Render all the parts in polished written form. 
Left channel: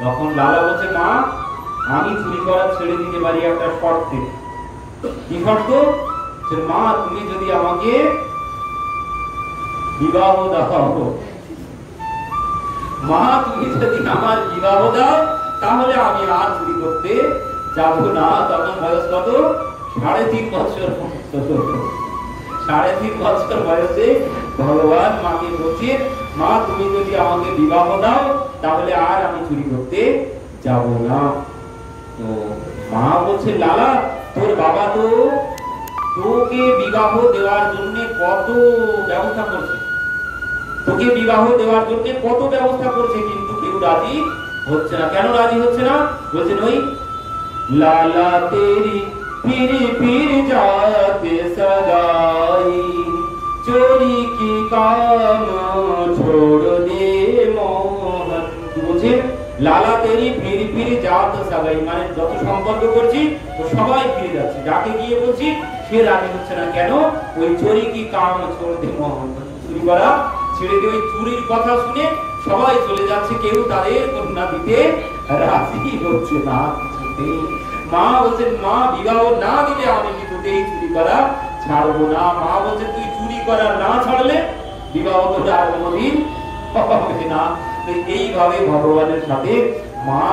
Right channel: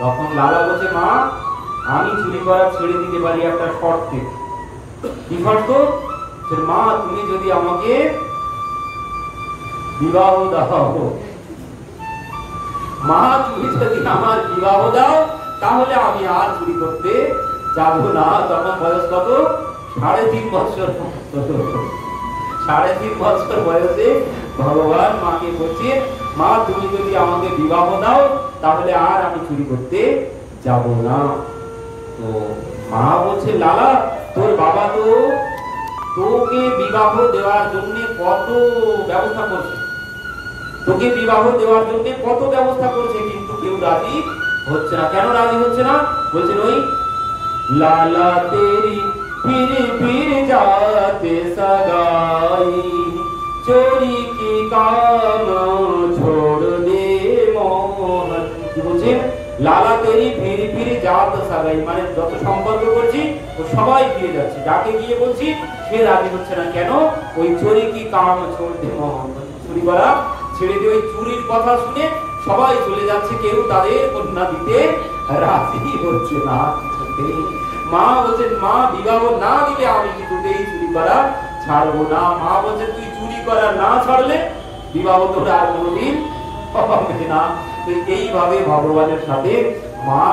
তখন লালা বলছে, মা আমি চুরি করা ছেড়ে দিতে পারি একটা শর্তে। কি শর্ত? মা তুমি যদি আমাকে বিবাহ দাও, মা তুমি যদি আমার বিবাহ দাও তাহলে আমি আর চুরি করতে যাব না। তখন বয়স কত? 3.5 বছর। 3.5 বছর বয়সে ভগবান মাকে বলছে, মা তুমি যদি আমাকে বিবাহ দাও তাহলে আর আমি চুরি করতে যাব না। তো মা বলছে, লালা তোর বাবা তো তোকে বিবাহ দেওয়ার জন্য কত ব্যবস্থা করছে, তোকে বিবাহ দেওয়ার জন্য কত ব্যবস্থা করছে, কিন্তু কেউ রাজি হচ্ছে না। কেন রাজি হচ্ছে না? বলছেন ওই লালা তেরি फिर फिर जाते सगाई चोरी की काम छोड़ दे मोहन। কি বলছে? লালা তেরি ফির ফির জাত সাগাই, মানে যত সম্পর্ক করছি তো সবাই ফিরে যাচ্ছে, যাকে গিয়ে বলছি সে রাজি হচ্ছে না। কেন? ওই চোরি কি কাম ছোড় দে মোহন, চুরি করা ছেড়ে দিয়ে ওই চুরির কথা শুনে সবাই চলে যাচ্ছে, কেউ তাদের কন্যা দিতে রাজি হচ্ছে না। মা বলছেন, মা বিবাহ না দিলে আমি কিছুতেই চুরি করা ছাড়বো না। মা বলছেন, তুই চুরি করা না ছাড়লে বিবাহ তোর আর কোনোদিন হবে না। তো এইভাবে ভগবানের সাথে মা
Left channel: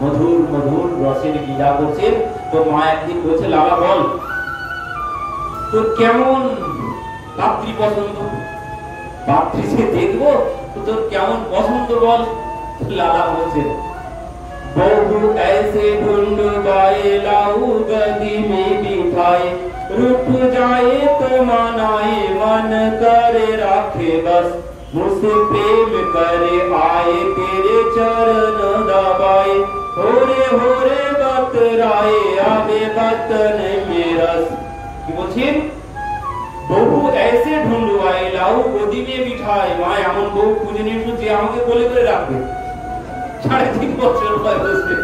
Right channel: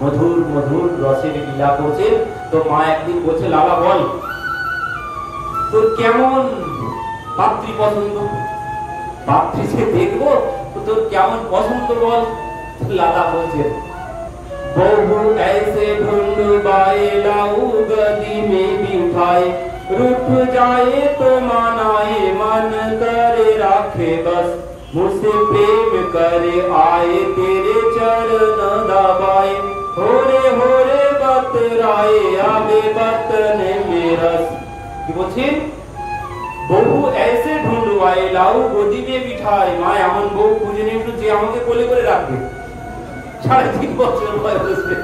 মধুর মধুর রসের লীলা করছেন। তো মা একদিন বলছে, লালা বল তোর কেমন পাত্রী পছন্দ, পাত্রী যে দেখবো তো তোর কেমন পছন্দ বল। লালা বলছেন, बहु ऐसे ढूंढवाए लाऊं गदी में बिठाए, रूठ जाए तो मनाए मन करे राखे बस, मुझसे प्रेम करे आए तेरे चरण दबाए, होरे बतराए आवे बतने में रस। কি বলছেন? বহু ऐसे ढूंढवाए लाऊं गदी में बिठाए, মা এমন বউ খুঁজে নিয়ে এসো যে আমাকে কোলে করে রাখবে। 3.5 বছর বয়সে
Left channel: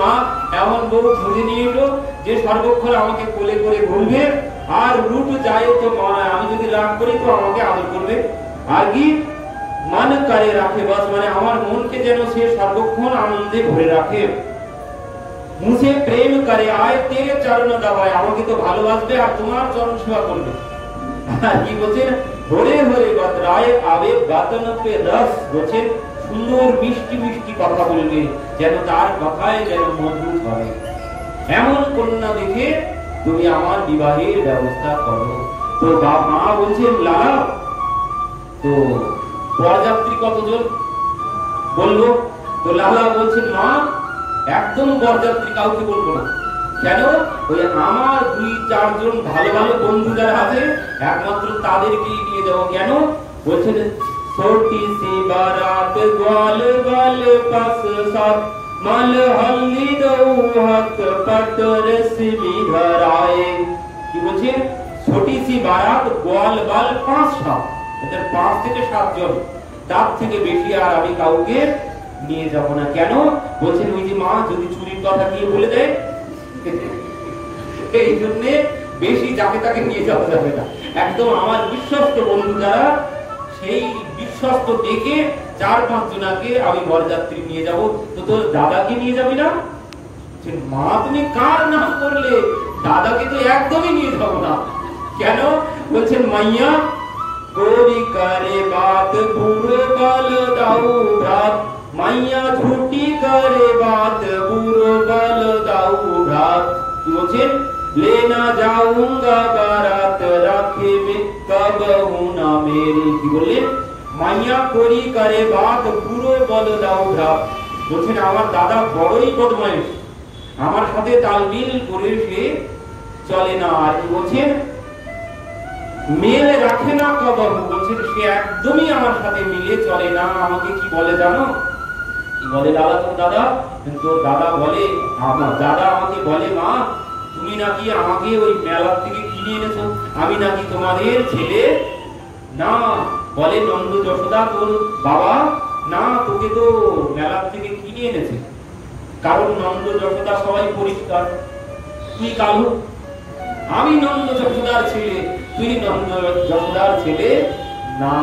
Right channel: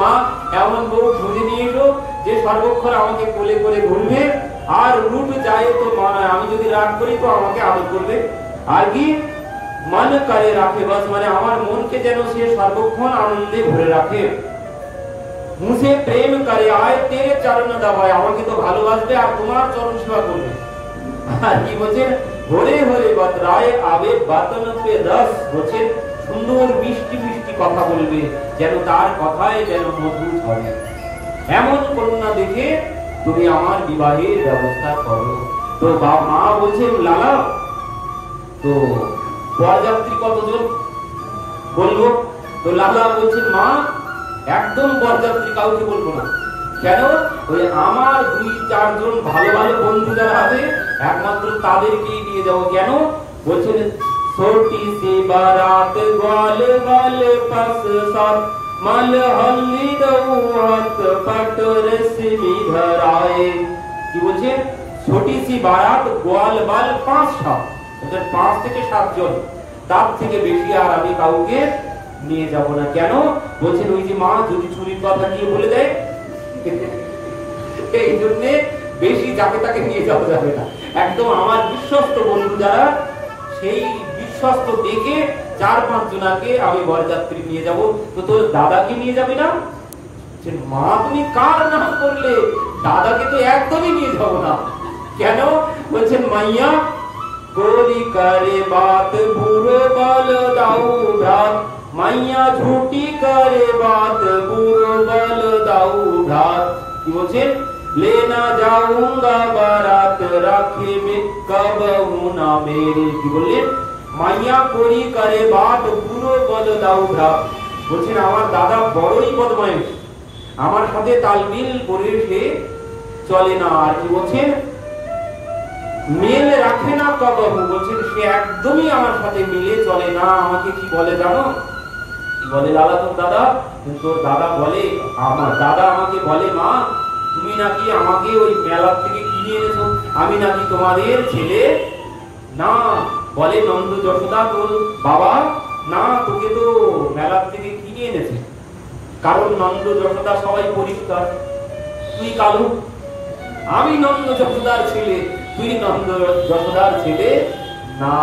মা এমন বউ খুঁজে নিয়ে এলো যে সর্বক্ষণ আমাকে কোলে করে ঘুরবে, আর রুট যায় তো মানায়, আমি যদি রাগ করি তো আমাকে আদর করবে, আর কি মন করে রাখে বাস, মানে আমার মনকে যেন সে সর্বক্ষণ আনন্দে ভরে রাখে। মুঝে প্রেম করে আয় তেরে চরণ দবায়, আমাকে তো ভালোবাসবে আর তোমার চরণ সেবা করবে। আর কি বলছে? হরে হরে বতরায় আবে বাতন পে রস, বলছে সুন্দর মিষ্টি মিষ্টি কথা বলবে, যেন তার কথায় যেন মধু ঝরে। এমন কন্যা দেখে তুমি আমার বিবাহের ব্যবস্থা করো। তো মা বলছেন, লালা তো বরযাত্রী কতজন বলবো? তো লালা বলছেন, মা একদম বরযাত্রী কাউকে বলবো না। কেন? ওই আমার 2-4 জন ভালো ভালো বন্ধু যারা আছে একমাত্র তাদেরকেই নিয়ে যাবো। কেন? বলছেন, छोटी सी बारात ग्वाल बाल पास साथ मल हल्ली दो हाथ पट रेशमी धराए। কি বলছেন? ছোটি সি বারাত গোয়াল বাল 5 ওদের 5 থেকে 7 জন, তার থেকে বেশি আর আমি কাউকে নিয়ে যাব না। কেন? বলছেন ওই যে মা যদি চুরির কথা গিয়ে বলে দেয়, এই জন্য বেশি যাকে তাকে নিয়ে যাওয়া যাবে না। একদম আমার বিশ্বস্ত বন্ধু যারা, সেই বিশ্বস্ত দেখে 4-5 জনাকে আমি বরযাত্রী নিয়ে যাব। তো তোর দাদাকে নিয়ে যাবে না? মা তুমি কার নাম করলে? দাদাকে তো একদমই নিয়ে যাব না। কেন? বলছেন, মাইয়া गोरी करे बात बुरो बल दाऊ भ्रात, माइया झूठी करे बात बुरो बल दाऊ भ्रात। কি বলছেন? लेना जाऊंगा बारात राखे में कब हूं ना मेरी। কি বললেন? মাইয়া কোরি করে বাত বুড়ো বল দাও ভ্রাত। বলছেন আমার দাদা বড়ই বদমাইশ, আমার সাথে তালমিল করে সে চলে না। আর কি বলছেন? মেল রাখে না কবহু, বলছেন সে একদমই আমার সাথে মিলে চলে না। আমাকে কি বলে জানো? কি বলে? দাদা তোর দাদা, তোর দাদা বলে, আমার দাদা আমাকে বলে, মা তুমি নাকি আমাকে ওই মেলার থেকে কিনে এনেছো, আমি নাকি তোমাদের ছেলে না। বলে নন্দ যশোদা তোর বাবা না, তোকে তো মেলার থেকে কিনে এনেছে। কারণ নন্দ যশোদা সবাই পরিষ্কার, তুই কালু। আমি নন্দ যশোদার ছেলে, তুই নন্দ যশোদার ছেলে না।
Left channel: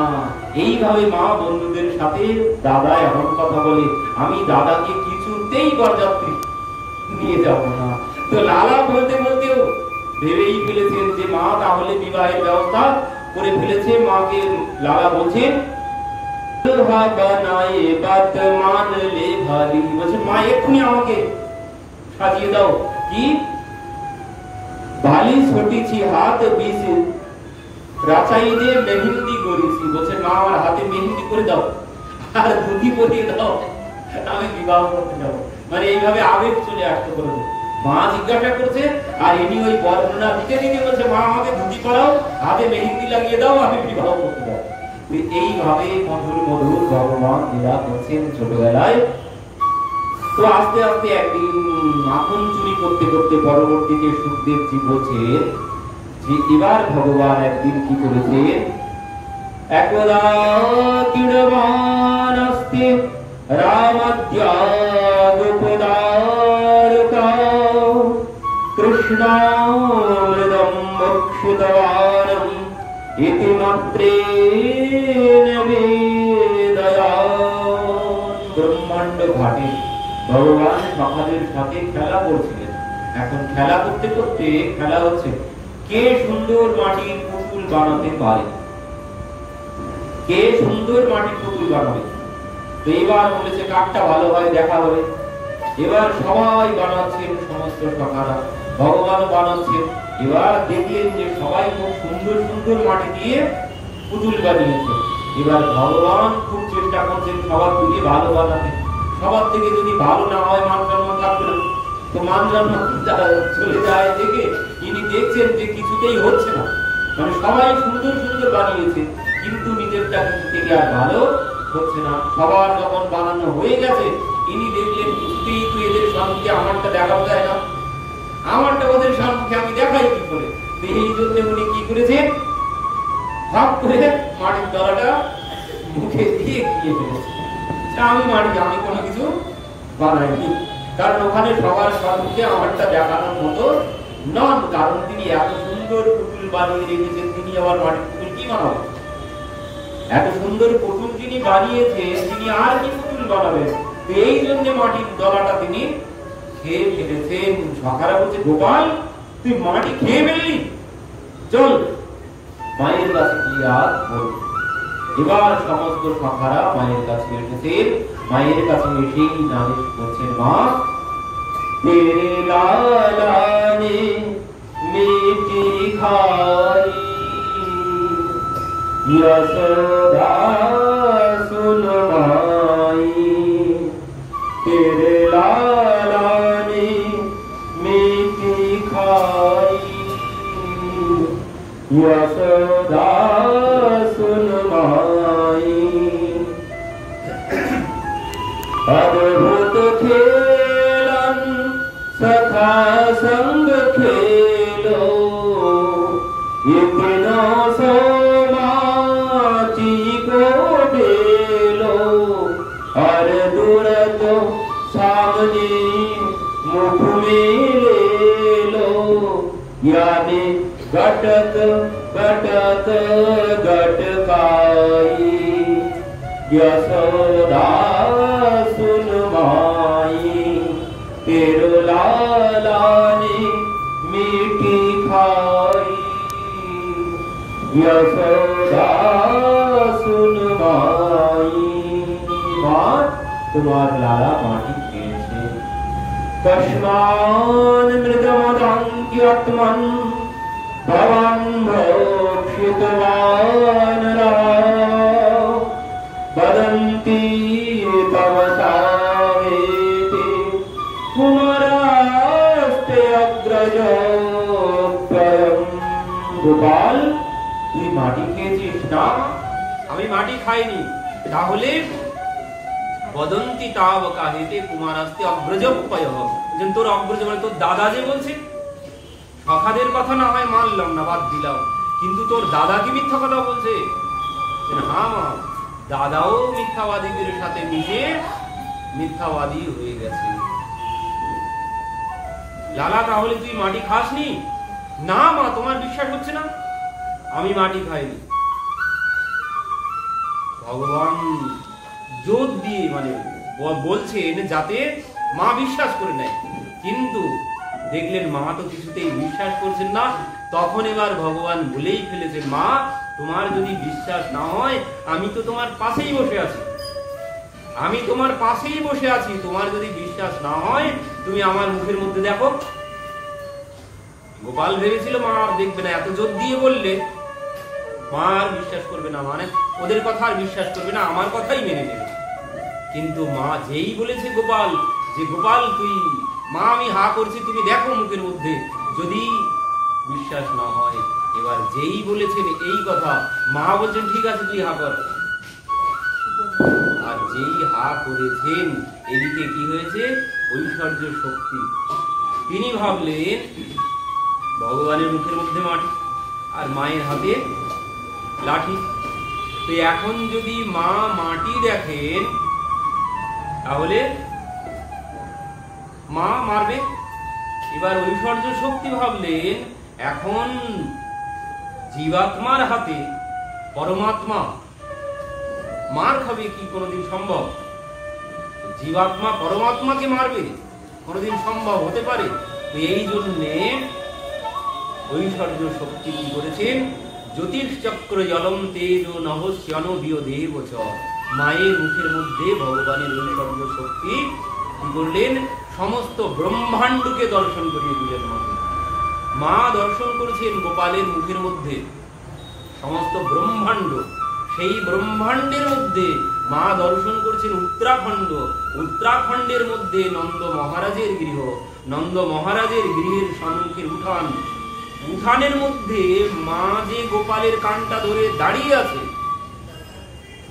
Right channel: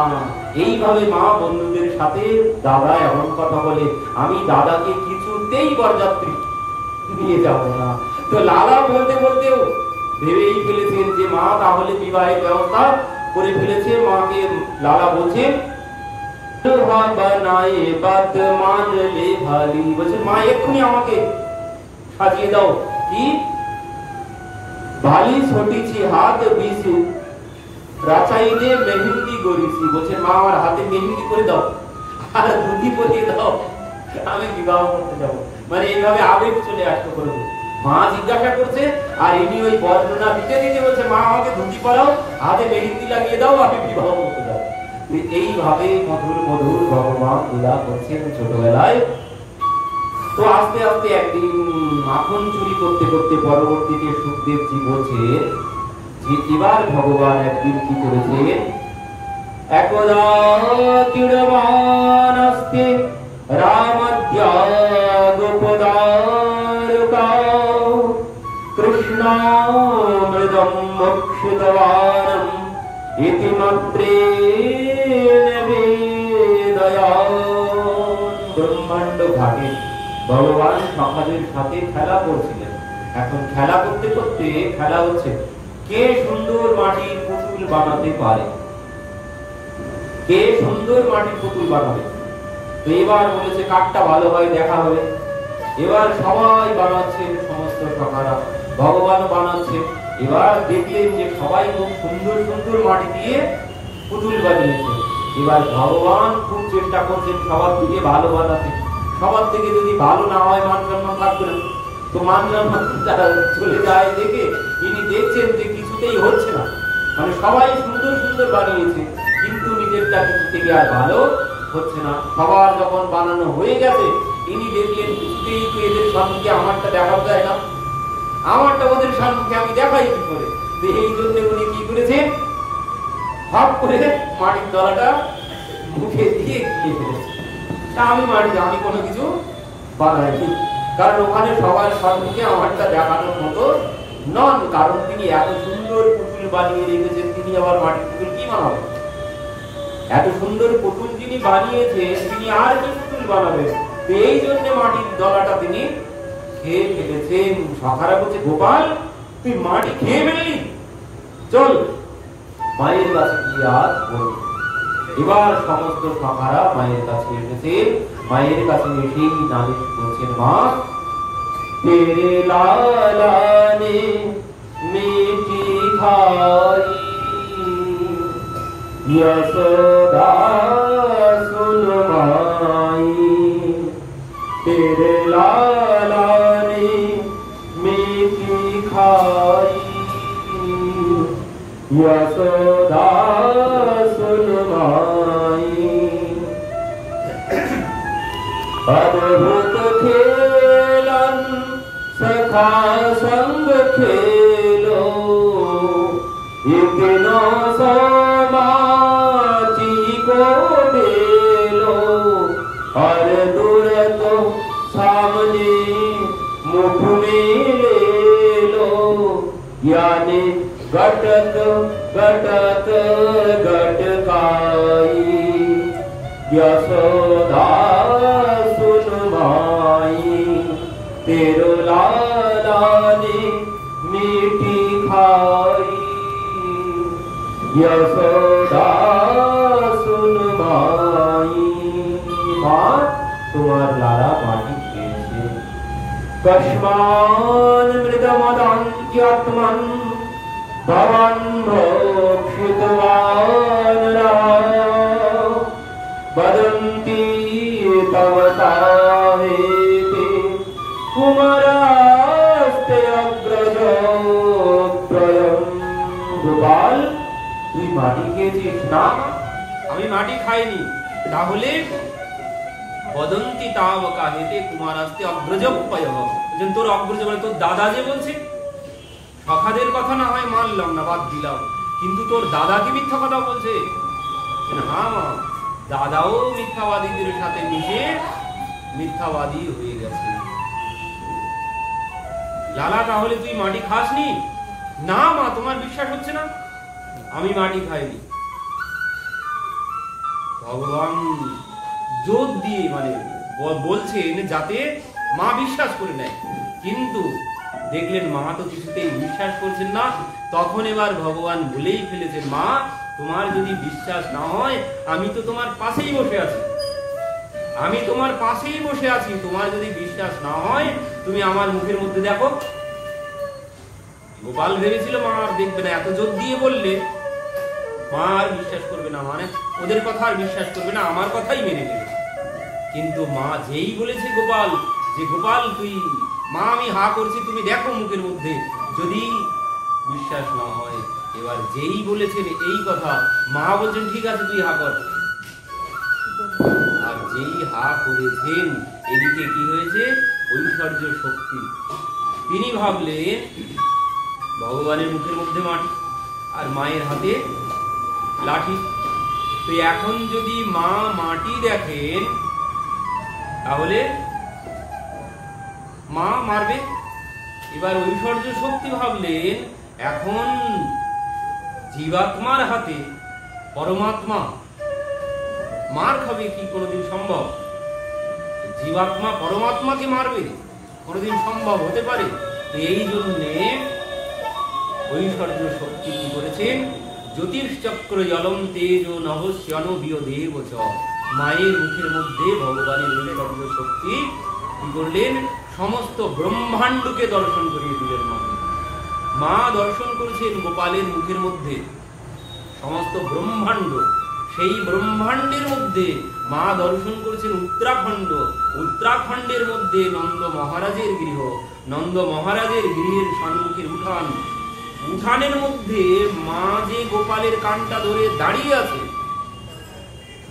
এইভাবে মা বন্ধুদের সাথে দাদা এমন কথা বলে, আমি দাদাকে কিছুতেই বরযাত্রী নিয়ে যাব না। তো লালা বলতে বলতেও ভেবেই ফেলেছেন যে মা তাহলে বিবাহের ব্যবস্থা করে ফেলেছে। মাকে লালা বলছেন মা এক্ষুনি আমাকে সাজিয়ে দাও। কি ভালি ছটিছি হাত বিছি রাচাইতে মেহেন্দি করেছি। বলছেন মা আমার হাতে মেহেন্দি করে দাও আর ধুতি পরিয়ে দাও, আমি বিবাহ করতে যাব। মানে এইভাবে আবেগ চলে আসতে করবো। মা জিজ্ঞাসা করছে আর ইনি ওই বর্ণনা দিতে দিতে বলছে মা আমাকে ধুতি পরাও, হাতে মেহেন্দি লাগিয়ে দাও, আমি বিবাহ করতে যাব। এইভাবে মধুর মধুর ভগবান লীলা করছেন ছোটবেলায়। তো আস্তে আস্তে একদিন মাখন চুরি করতে করতে পরবর্তীতে সুখদেবজি বলছে যে এবার ভগবান একদিন কি করেছে, একদা কিড়বান আস্তে রামদ্যাগোপদারকাও কৃষ্ণামৃদম মোক্ষিতবানম ইতিমাত্রেণ বেদয়ান। ব্রহ্মাণ্ড ঘাটে ভগবান সখাদের সাথে খেলা করছিলেন। এখন খেলা করতে করতে খেলা হচ্ছে কে সুন্দর মাটির পুতুল বানাতে পারে, কে সুন্দর মাটির পুতুল বানাবে। তো এবার বলেছে কাঠটা ভালো হয় দেখা হবে। এবার সবাই বানাচ্ছেন, সমস্ত সখারা, ভগবানও বানাচ্ছেন। এবার দেখলেন যে সবাই খুব সুন্দর সুন্দর মাটি দিয়ে পুতুল বানিয়েছে। এবার ভগবান খুব চেষ্টা করছেন সবার থেকে ভালো বানাতে। সবার থেকে যদি ভালো না হয় মান সম্মান থাকবে না। তো মান সম্মান চলে যায় দেখে ইনি দেখছেন যে কিছুতেই হচ্ছে না, মানে সবাই সুন্দর সুন্দর বানিয়েছে কিন্তু নিজেরটা কিছু থেকে আর ভালো হচ্ছে না। সবার যখন বানানো হয়ে গেছে ইনি দেখলেন কিছুতেই তো এদের সম্মুখে আমারটা দেখা যায় না, আমারটা ওদের সম্মুখে আমি দেখাই কি করে। এই জন্য উনি কি করেছে, ভাব করে মাটির দলাটা মুখে দিয়ে গিয়ে ফেলেছে। আমি আমি কোনো কিছু বানাইনি, কারণ ওখানে সবার সম্মুখে আমারটা দেখানোর মতো নন। কারণ তিনি এত সুন্দর পুতুল বানিয়ে রেখেছেন, তিনি আবার মাটির পুতুল কি বানাবেন? এত সুন্দর পুতুল যিনি বানিয়েছেন তিনি আর কি পুতুল বানাবেন? এই জন্য মাটির দলাটা তিনি খেয়ে ফেলেছেন। সখারা বলছে গোপাল তুই মাটি খেয়ে ফেললি, চল মায়ের কাছে গিয়ে রাত বল। এবার সমস্ত সখারা মায়ের কাছে এসেছেন। মায়ের কাছে এসেই নালিশ করছেন, মা তেরে লালা নে মিটি খাই यशोदा सुन माई तेरे लाला ने मीठी खाई यशोदा सुन माई। अद्भुत खेलन सखा संग खेलो इतना सामने मुख में ले लो यानी घटक घटक घटकाई यशोदा सुन माई तेरो लाला ने मीठी खाई यशोदा सुन माई। माँ তোমার লালা মাটি খেয়েছে। কস্মান মৃদমদান্ত্যাত্মন ভবান মোক্ষিতবান বদন্তি তব কাহেতি কুমারাস্তে অগ্রজোত্তরম। গোপাল তুই মাটি খেয়েছিস? না আমি মাটি খাইনি। তাহলে বদন্তি তাব কাহেতে কুমারাস্তে অগ্রজোপয়, তোর অগ্রজ মানে তোর দাদা যে বলছে। সখাদের কথা না হয় মানলাম না, বাদ দিলাম, কিন্তু তোর দাদা কি মিথ্যা কথা বলছে? হ্যাঁ মা, দাদাও মিথ্যাবাদীদের সাথে মিশে মিথ্যাবাদী হয়ে গেছে। লালা তাহলে তুই মাটি খাসনি? না মা, তোমার বিশ্বাস হচ্ছে না, আমি মাটি খাইনি। ভগবান জোর দিয়ে মানে বলছেন যাতে মা বিশ্বাস করে নেয়, কিন্তু দেখলেন মা তো কিছুতেই বিশ্বাস করছেন না। তখন এবার ভগবান বলেই ফেলেছেন, মা তোমার যদি বিশ্বাস না হয় আমি তো তোমার পাশেই বসে আছি, আমি তোমার পাশেই বসে আছি, তোমার যদি বিশ্বাস না হয় তুমি আমার মুখের মধ্যে দেখো। গোপাল ভেবেছিল মা আর দেখবে না, এত জোর দিয়ে বললে মা আর বিশ্বাস করবে না, মানে ওদের কথা আর বিশ্বাস করবে না, আমার কথাই মেনে নেবে। কিন্তু মা যেই বলেছে গোপাল যে গোপাল তুই মা আমি হা করছি তুমি দেখো মুখের মধ্যে, যদি বিশ্বাস না হয়, এবার যেই বলেছেন এই কথা মা বলছেন ঠিক আছে তুই হা কর। আর যেই হা করেছেন এদিকে কি হয়েছে, ঐশ্বর্য শক্তি, তিনি ভাবলেন ভগবানের মুখের মধ্যে মাটি আর মায়ের হাতে লাঠি, তো এখন যদি মা মাটি দেখেন তাহলে মা মারবে। এবার ঐশ্বর্য শক্তি ভাবলেন এখন জীবাত্মার হাতে পরমাত্মা মার খাবে কি কোনোদিন সম্ভব? জীবাত্মা পরমাত্মাকে মারবে কোনোদিন সম্ভব হতে পারে? তো এই জন্যে ঐশ্বর্য শক্তি কি করেছেন, জ্যোতিষচক্র জলম তেজ নভস্যন বিয়দেব চ, মায়ের মুখের মধ্যে ভগবানের ঐশ্বর্য শক্তি কি করলেন, সমস্ত ব্রহ্মাণ্ডকে দর্শন করিয়ে দিলেন। মা দর্শন করেছেন গোপালের মুখের মধ্যে সমস্ত ব্রহ্মাণ্ড, সেই ব্রহ্মাণ্ডের মধ্যে মা দর্শন করেছেন উত্তরাখণ্ড, উত্তরাখণ্ডের মধ্যে নন্দ মহারাজের গৃহ, নন্দ মহারাজের গৃহের সম্মুখের উঠান, উঠানের মধ্যে মা যে গোপালের কানটা ধরে দাঁড়িয়ে আছে,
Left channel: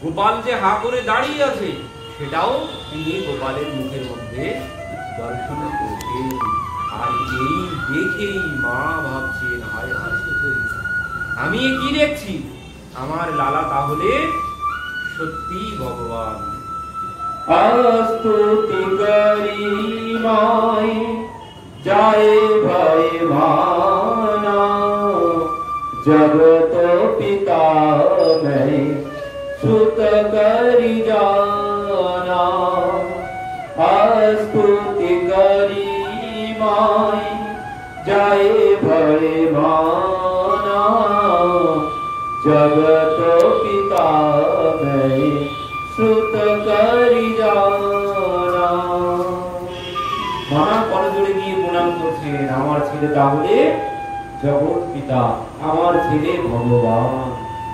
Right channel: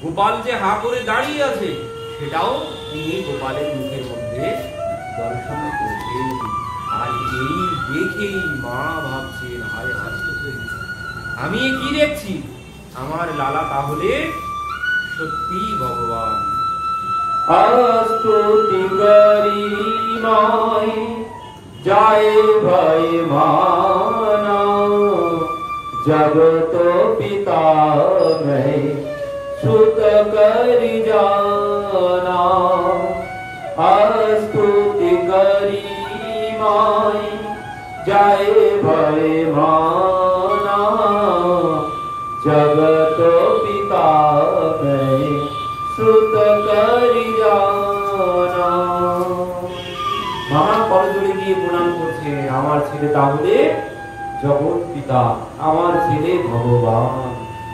গোপাল যে হা করে দাঁড়িয়ে আছে সেটাও তিনি গোপালের মুখের মধ্যে দর্শন করেছেন। আর এই দেখেই মা ভাবছেন হায় হায় আমি কি দেখছি, আমার লালা তাহলে সত্যি ভগবান। আস্তুতি করি নয় যায় ভাই মানা, জগত পিতা मैं সুত করি জানা, আস্তুতি করি নয় যায় ভাই মানা, জগত পিতা मैं সুত করি জানা। মা করজোড়ে গিয়ে প্রণাম করছেন, আমার ছেলে তাহলে জগৎ পিতা, আমার ছেলে ভগবান।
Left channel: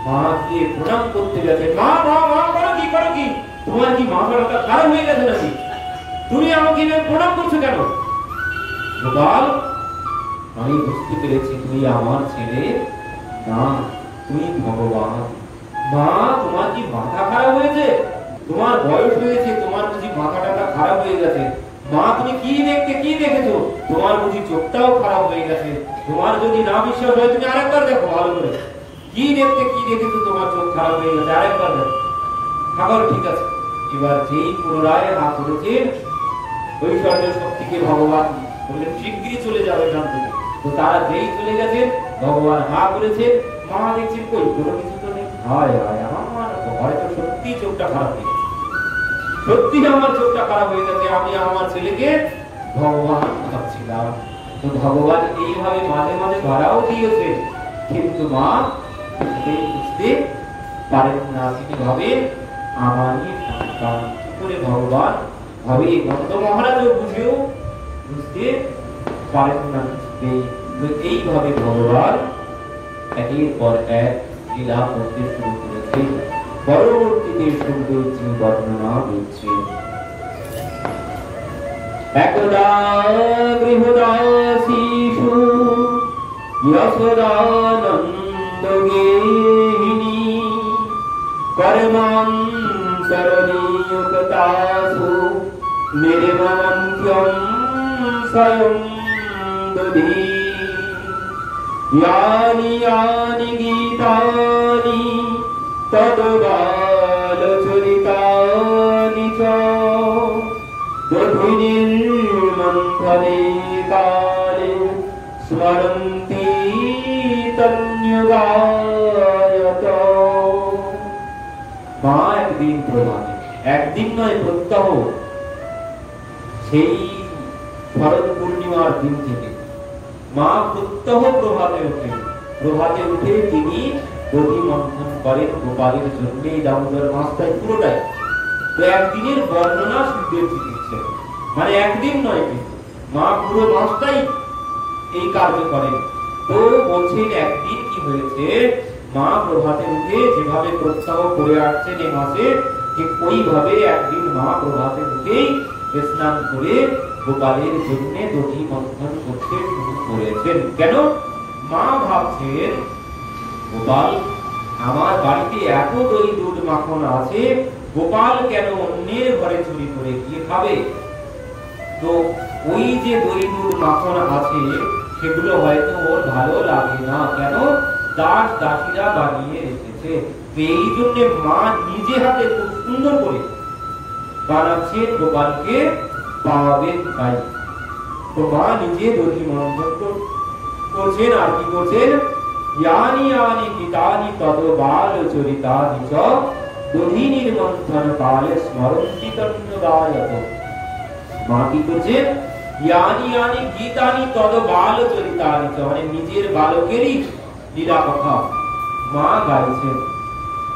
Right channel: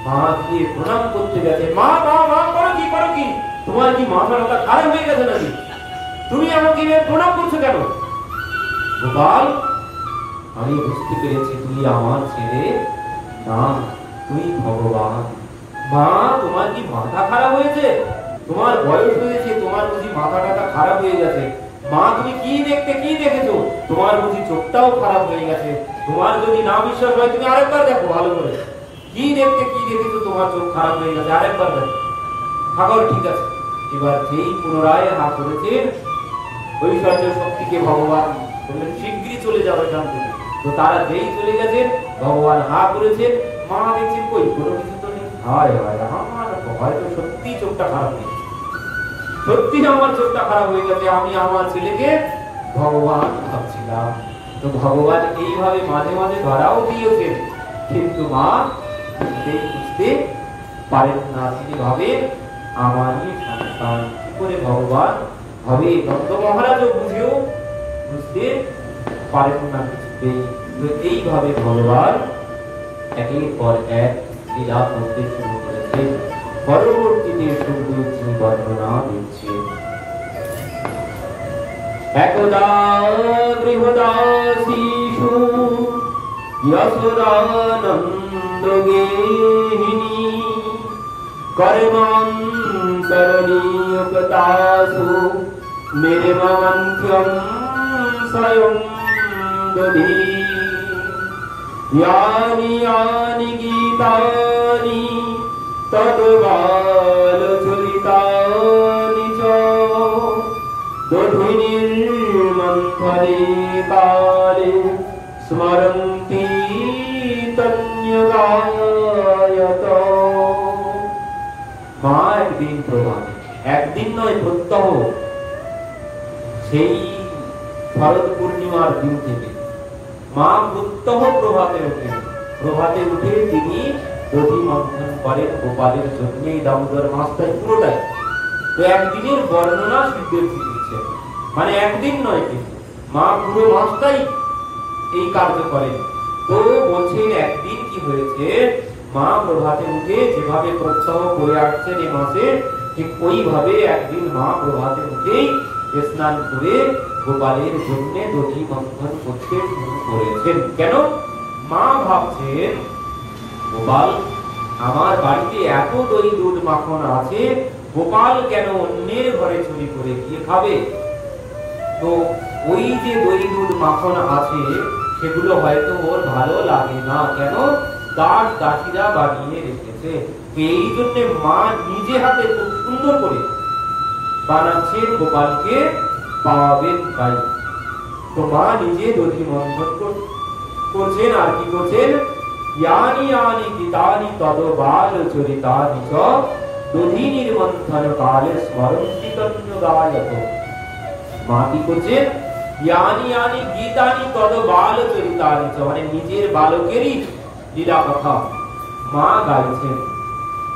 মা গিয়ে প্রণাম করতে গেছে, মা মা মা করো কি করো কি, তোমার কি মাথাটা খারাপ হয়ে গেছে নাকি, তুমি আমাকে প্রণাম করছো কেন? গোপাল আমি বুঝতে পেরেছি তুই আমার ছেলে না, তুই ভগবান। মা তোমার কি মাথা খারাপ হয়েছে, তোমার বয়স হয়েছে, তোমার বুঝি মাথাটা খারাপ হয়ে গেছে? মা তুমি কি দেখেছো, তোমার বুঝি চোখটাও খারাপ হয়ে গেছে? তোমার যদি না বিশ্বাস হয় তুমি আরেকবার দেখো ভালো করে, কি দেখেছো তোমার চোখ খারাপ হয়ে গেছে, আরেকবার দেখো। ঠাকুর ঠিক আছে। এবার যেই পুনরায় হাত করেছেন ঐশ্বর্য শক্তিকে ভগবান বললেন শিগগিরই চলে যাবে এখান থেকে। তো তারা যেই চলে গেছেন ভগবান হা করেছেন, মা দেখছেন কই কোনো কিছু তো নেই, হায় হায় আমার হয়তো সত্যি চোখটা খারাপ হয়ে গেছে, সত্যি আমার চোখটা খারাপ হয়ে গেছে, আমি আমার ছেলেকে ভগবান ভাবছিলাম। তো ভগবান এইভাবে মাঝে মাঝে ধরাও দিয়েছেন, কিন্তু মা বুঝতে পারেন না, তিনি ভাবেন আমারই সন্তান। কি করে ভগবান ভাবে, নন্দ মহারাজও বুঝেও বুঝতে পারেন না কিছুতেই। তো এইভাবে ভগবান একের পর এক লীলা করতে শুরু করেছেন। পরবর্তীতে সৌন্দর্য বর্ণনা দিচ্ছে। একদা গৃহদাসীষু যশোদানন্দগেহিনী কর্মান্তরনিযুক্তাসু নির্মমন্থ্যং স্বয়ং দধি यानि यानि गीतानि तद्बालचरितानि च दधिनिर्मन्थने काले स्मरन्ति तन्युगायत। একদিন নয় প্রত্যহ সেই শরৎ পূর্ণিমার দিন থেকে মা প্রত্যহ প্রভাতে উঠে তিনি দধি মন্থন করেন গোপালের জন্য এই দামোদর মাসটাই পুরোটাই। তো একদিনের বর্ণনা সুখদেবজি দিচ্ছেন, মানে একদিন নয় কিন্তু মা পুরো মাসটাই এই কার্য করেন। তো বলছেন একদিন কি হয়েছে, মা প্রভাতে উঠে যেভাবে প্রত্যহ করে আসছেন এই মাসে, ঠিক ওইভাবে একদিন মা প্রভাতে উঠেই স্নান করে গোপালের জন্য দধি মন্থন করতে শুরু করেছেন। কেন? মা ভাবছেন গোপাল আমার বাড়িতে এত দই দুধ মাখন আছে, গোপাল কেন অন্যের ঘরে চুরি করে গিয়ে খাবে? তো ওই যে দই দুধ মাখন আছে সেগুলো হয়তো ওর ভালো লাগে না, কেন? দাস দাসীরা বানিয়ে রেখেছে। এই জন্য মা নিজে হাতে খুব সুন্দর করে বানাচ্ছেন গোপালকে পাবেন তাই। তো মা নিজে দধি মন্থন করছেন। আর কি করছেন? यानि यानि गीतानि तदो बाल चरितानि च दधि निर्मंथन काले स्मरन्ति कन्यगायक। মা কি করছেন? यानि यानि गीतानि तदो बाल चरितानि च, মানে নিজের বালকেরই লীলা কথা মা গাইছেন।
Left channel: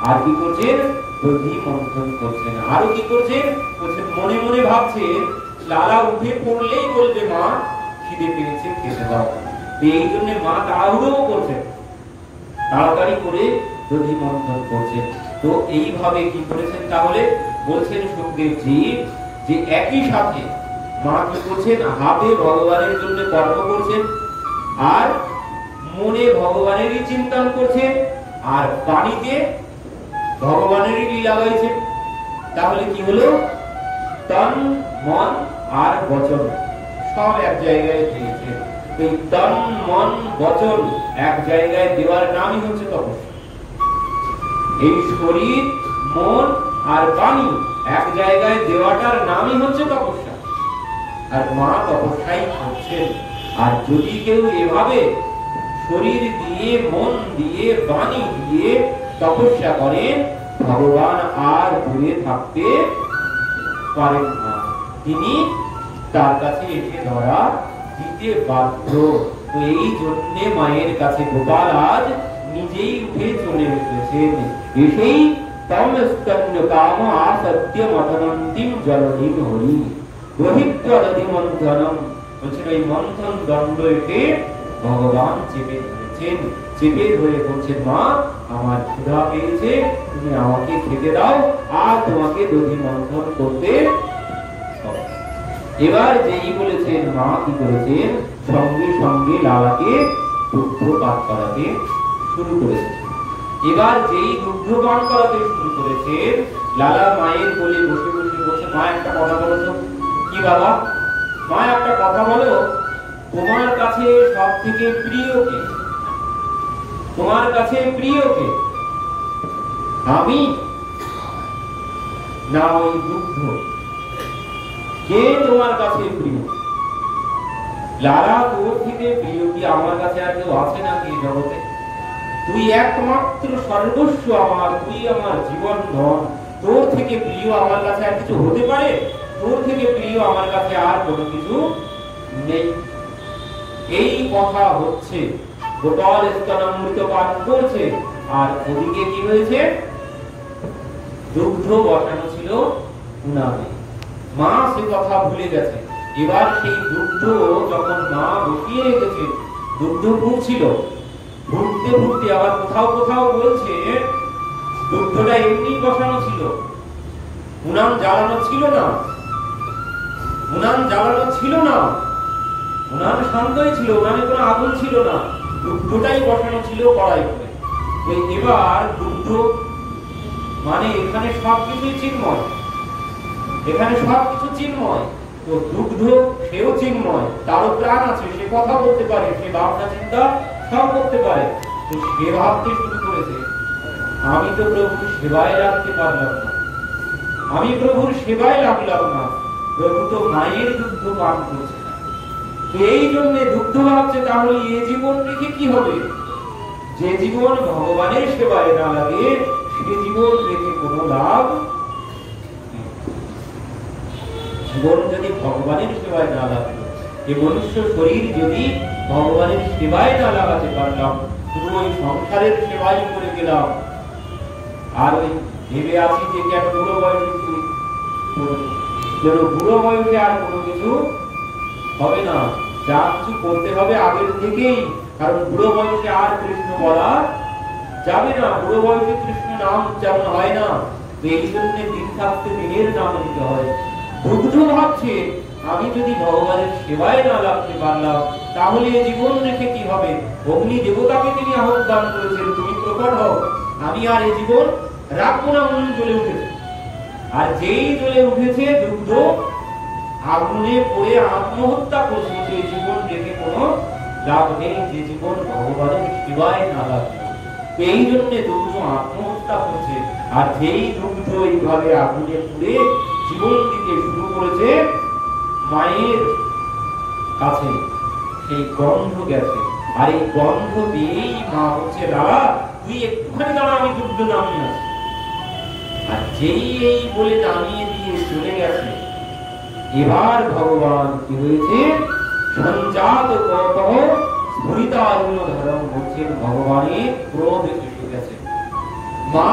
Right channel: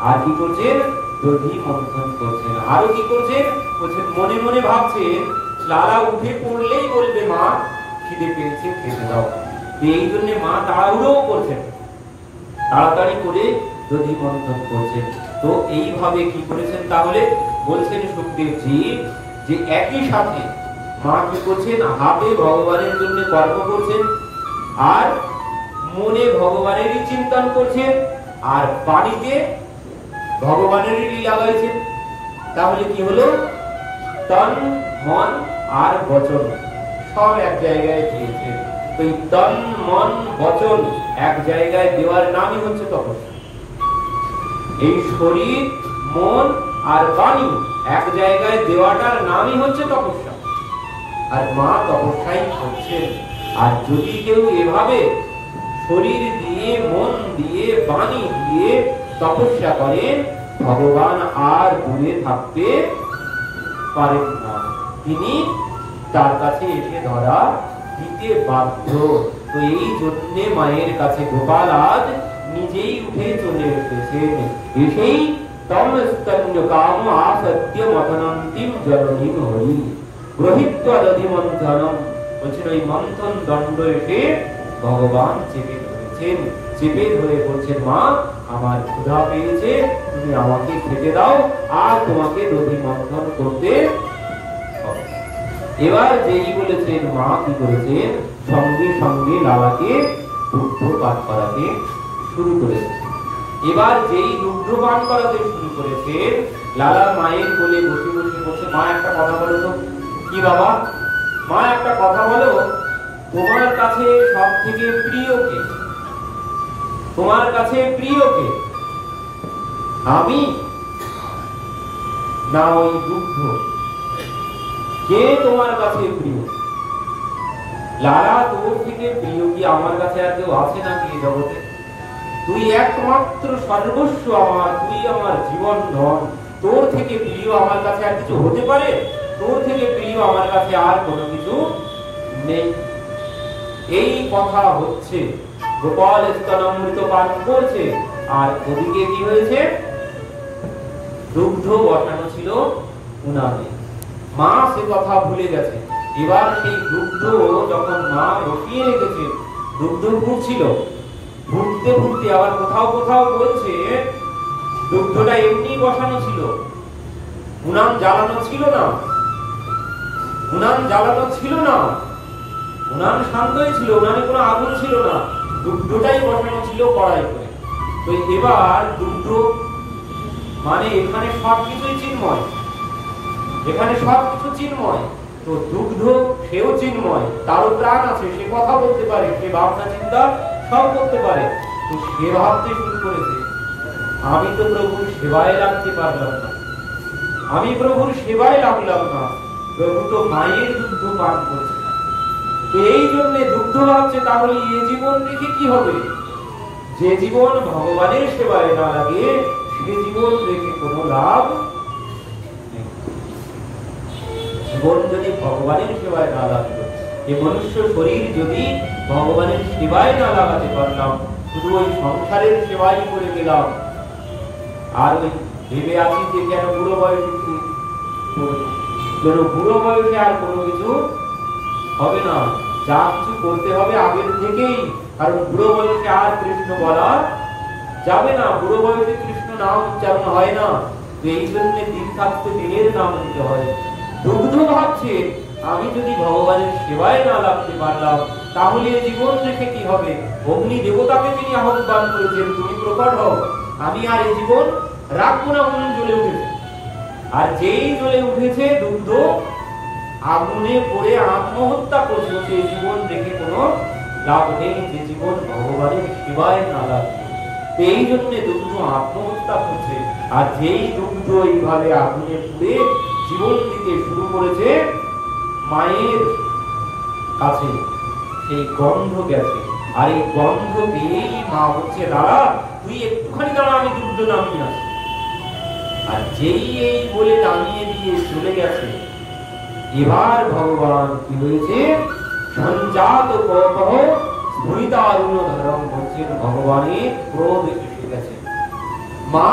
আর কি করছেন? দধি মন্থন করছেন। আর কি করছেন? বলছেন মনে মনে ভাবছেন লালা উঠে পড়লেই বলবে মা খিদে পেয়েছে, খেতে দাও। এই জন্য মা তাড়াহুড়ো করছেন, তাড়াতাড়ি করে দধি মন্থন করছেন। তো এইভাবে কি করেছেন তাহলে? বলছেন সুখদেবজি যে একই সাথে মা কি করছেন? হাতে ভগবানের জন্য কর্ম করছেন, আর মনে ভগবানেরই চিন্তন করছেন, আর বাণীতে ভগবানেরই লীলা গাইছেন। তাহলে কি হলো? তন মন আর বচন সব এক জায়গায় দিয়েছেন। এই তন মন বচন এক জায়গায় দেওয়ার নামই হচ্ছে তপস্যা। এই শরীর মন আর বাণী এক জায়গায় দেওয়াটার নামই হচ্ছে তপস্যা। আর মা তপস্যাই করছেন। আর যদি কেউ এভাবে শরীর দিয়ে মন দিয়ে বাণী দিয়ে তপস্যা করেন, ভগবান আর দূরে থাকতে পারেন না, তিনি তার কাছে এসে ধরা দিতে বাধ্য। তো এই জন্য মায়ের কাছে গোপাল আজ নিজেই উঠে চলে এসেছেন। এসেই তম স্তন্য কাম আসত্য মতনন্তিম জলধিম হরি গ্রহিত্বা দধি মন্থনম। বলছেন ওই মন্থন দণ্ড এসে ভগবান চেপে ধরেছেন। চেপে ধরে বলছেন মা আমার ক্ষুধা পেয়েছে, তুমি আমাকে খেতে দাও, আর তোমাকে দধি মন্থন করতে। এবার যেই বলেছেন মা কি করেছেন? সঙ্গে সঙ্গে লালাকে দুগ্ধ পান করাতে শুরু করেছেন। এবার যেই দুগ্ধ পান করাতে শুরু করেছেন, লালা মায়ের কোলে বসে বসে বসে মা একটা কথা বলো তো। কি বাবা? মা একটা কথা বলো, তোমার কাছে সব থেকে প্রিয় কে? তোমার কাছে প্রিয় কে? আমি না ওই দুগ্ধ? কে তোমার কাছে প্রিয়? লালা তোর থেকে প্রিয় কি আমার কাছে আর কেউ আছে নাকি এই জগতে? তুই একমাত্র সর্বস্ব আমার, তুই আমার জীবন ধন। তোর থেকে প্রিয় আমার কাছে আর কিছু হতে পারে? তোর থেকে প্রিয় আমার কাছে আর কোনো কিছু নেই। এই কথা হচ্ছে। গোপাল স্তনামৃত পান করছে, আর ওদিকে কি হয়েছে? দুগ্ধ বসানো ছিল উনানে। মা সে কথা ভুলে গেছে। এবার সেই দুগ্ধ যখন মা বসিয়ে রেখেছে, দুগ্ধ ফুটছিল, ফুটতে ফুটতে আবার কোথাও কোথাও বলছে দুগ্ধটা এমনি বসানো ছিল, উনান জ্বালানো ছিল না। উনান জ্বালানো ছিল না, উনান শান্তই ছিল, উনানে কোনো আগুন ছিল না, দুগ্ধটাই বসানো ছিল কড়াই করে। তো এবার দুগ্ধ মানে এখানে সবকিছুই চিন্ময়, এখানে সবকিছু চিন্ময়। তো দুগ্ধ সেও চিন্ময়, তারও প্রাণ আছে, সে কথা বলতে পারে, সে ভাবনা চিন্তা সব করতে পারে। তো সে ভাবতে শুরু করেছে আমি তো প্রভুর সেবায় লাগতে পারলাম না, আমি প্রভুর সেবায় লাগলাম না, প্রভু তো মায়ের দুগ্ধ পান করেছে। তো এই জন্য দুগ্ধ ভাবছে তাহলে এ জীবন রেখে কি হবে? যে জীবন ভগবানের সেবায় না লাগে সে জীবন রেখে কোনো লাভ নেই। জীবন যদি ভগবানের সেবায় না লাগলো, এই মনুষ্য শরীর যদি ভগবানের সেবায় না লাগাতে পারলাম, শুধু ওই সংসারের সেবাই করে গেলাম, আর ওই ভেবে আছি যে কেন বুড়ো বয়সে, বুড়ো বয়সে আর কোনো কিছু হবে না, যা কিছু করতে হবে আগের থেকেই, কারণ বুড়ো বয়সে আর কৃষ্ণ বলা যাবে না, বুড়ো বয়সে কৃষ্ণ নাম উচ্চারণ হয় না, তো এই জন্য দিন থাকতে দিনের নাম দিতে হয়। দুগ্ধ ভাবছে আমি যদি ভগবানের সেবায় না লাগতে পারলাম তাহলে জীবন রেখে কি হবে? অগ্নি দেবতাকে তিনি আহ্বান করেছেন, তুমি প্রকট হও, আমি আর এই জীবন রাখবো না। মন জ্বলে উঠেছে, আর যেই জ্বলে উঠেছে দুগ্ধ আগুনে পড়ে আত্মহত্যা করছে, এই জীবন রেখে কোনো লাভ নেই, যে জীবন ভগবানের সেবায় না লাগবে। এই জন্য দুগ্ধ আত্মহত্যা করছে, আর যেই দুগ্ধ এইভাবে আগুনে পুড়ে জীবন দিতে শুরু করেছে, মায়ের কাছে সেই গন্ধ গেছে, আর এই গন্ধ পেয়েই মা হচ্ছে, দাদা তুই একটুখানি দাঁড়া, আমি দুগ্ধ নামিয়ে আসি। আর যেই এই বলে নামিয়ে দিয়ে চলে গেছে, এবার ভগবান কি হয়েছে, সঞ্জাত কপহ স্ফুরিতারুণ ধরম হচ্ছেন, ভগবানের ক্রোধ এসে গেছে। মা